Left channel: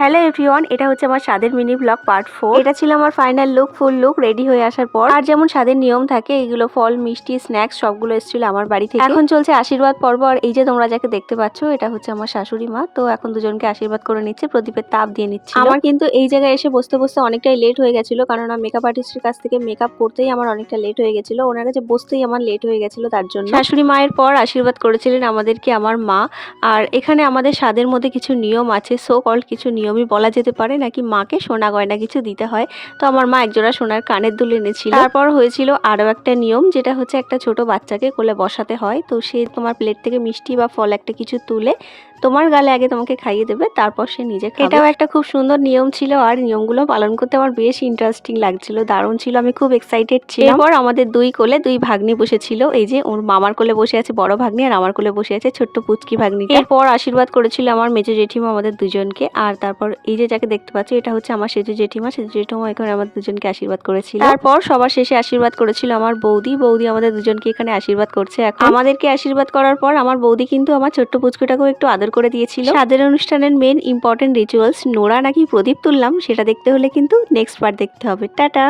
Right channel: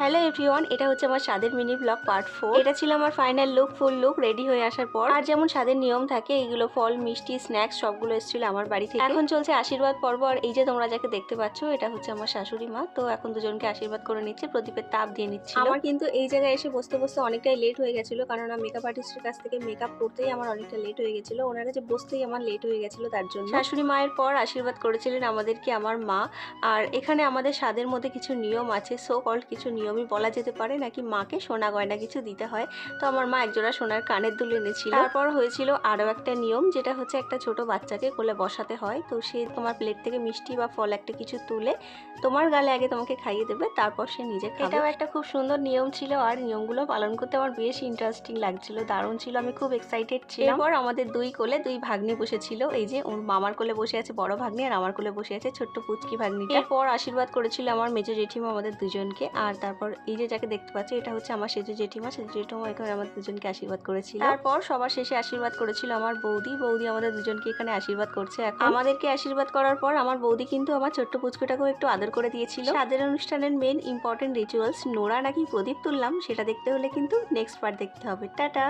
Hello everyone, এটা হচ্ছে আমার স্বাদের মিনি ব্লগ পার্ট 4। এটা ছিল আমার ফাইনাল লুক, ফুল লুক রেডি হয়ে আসার পর। আর যেমন স্বাদের নিয়ম থাকে, এইগুলো ফল, মিষ্টি, স্ন্যাক্স সবগুলো এসেছিল আমার বাড়ি থেকে। এখন চলছে আশীর্বাদ পর্ব। আর এই যে তোমরা যাকে দেখতে পাচ্ছ, এটা হচ্ছে আমার শাশুড়ি মা। তো এখন দুজনকে আশীর্বাদ করে নিচ্ছে, প্রদীপের তাপ দিয়ে নিচ্ছে। আমার কিন্তু এই জায়গায় এসে বসতে বসতে অনেকটাই লেট হয়ে গেছিল, কারণ মেকআপ আর্টিস্টের কাছ থেকে মেকআপ করতেই আমার অনেকটা লেট হয়ে গেছিল। ওনার কাছে বসতেই আমার লেট হয়ে গেছিল, তার জন্য। শাশুড়ি মায়ের পর আশীর্বাদ করেছিলেন আমাদেরকে আমার মা। আর এখানে আমাদের স্বাদের মধ্যে কিছু নিয়ম আছে, সো কল্ড কিছু নিয়মই বলা যেতে পারে, নাকি মাকে সোনা গয়না কিছু দিতে হয়। তো আমার মা একজোড়া সোনার কানের দুল এনেছিল। তারপর হয়েছিল আরো একটা নিয়ম, যেটা হচ্ছে একটা ছোট বাচ্চাকে কোলে বসাতে হয়। তো সে তোমার প্লেট থেকে মিষ্টি বা ফল একটা কিছু তুলে তোমার গালে আগে তোমাকে খাইয়ে দেবে, তারপর সে নিজে খাবে। এটাও একটা খুব সুন্দর নিয়ম ছিল, আর নিয়মগুলো পালন করতে আমার বেশ ইন্টারেস্টিং লাগছিল, দারুণ ছিল, আমি খুব এক্সাইটেড ছিলাম। এরপর আমাদের দুই কোলে দুই ভাগ্নি বসেছিল। এই যে ওর মামার কোলে বসে আছে বড় ভাগ্নি, আর আমার কোলে বসে আছে ছোট্ট পুচকি ভাগ্নি। এরপর আশীর্বাদ করেছিল আমার মেজো জেঠিমা আমাদের দুজনকে। আর তারপর এই যে যাকে দেখতে পাচ্ছ, এটা হচ্ছে আমার সেজো জেঠিমা। সেজো জেঠিমা এখানে আমাদের দুজনকে আশীর্বাদ করেছিল। তারপর সবার শেষে আশীর্বাদ করেছিল আমার বৌদি। বৌদি আমাদের দুজনকে এখানে আশীর্বাদ করছে। এখন আমাদেরকে আশীর্বাদ করার পর আমার বৌদি কিন্তু আমার ছোট্ট পুচকুটাকেও একটু আদর করে দিয়েছিল। স্বাদের অনুষ্ঠানের মেন ইম্পর্টেন্ট রিচুয়ালস, নোরা নাকি প্রদীপ তুললাম, সেটা দেখতে হলে কিন্তু নেক্সট পার্ট দেখতে হবে। টাটা।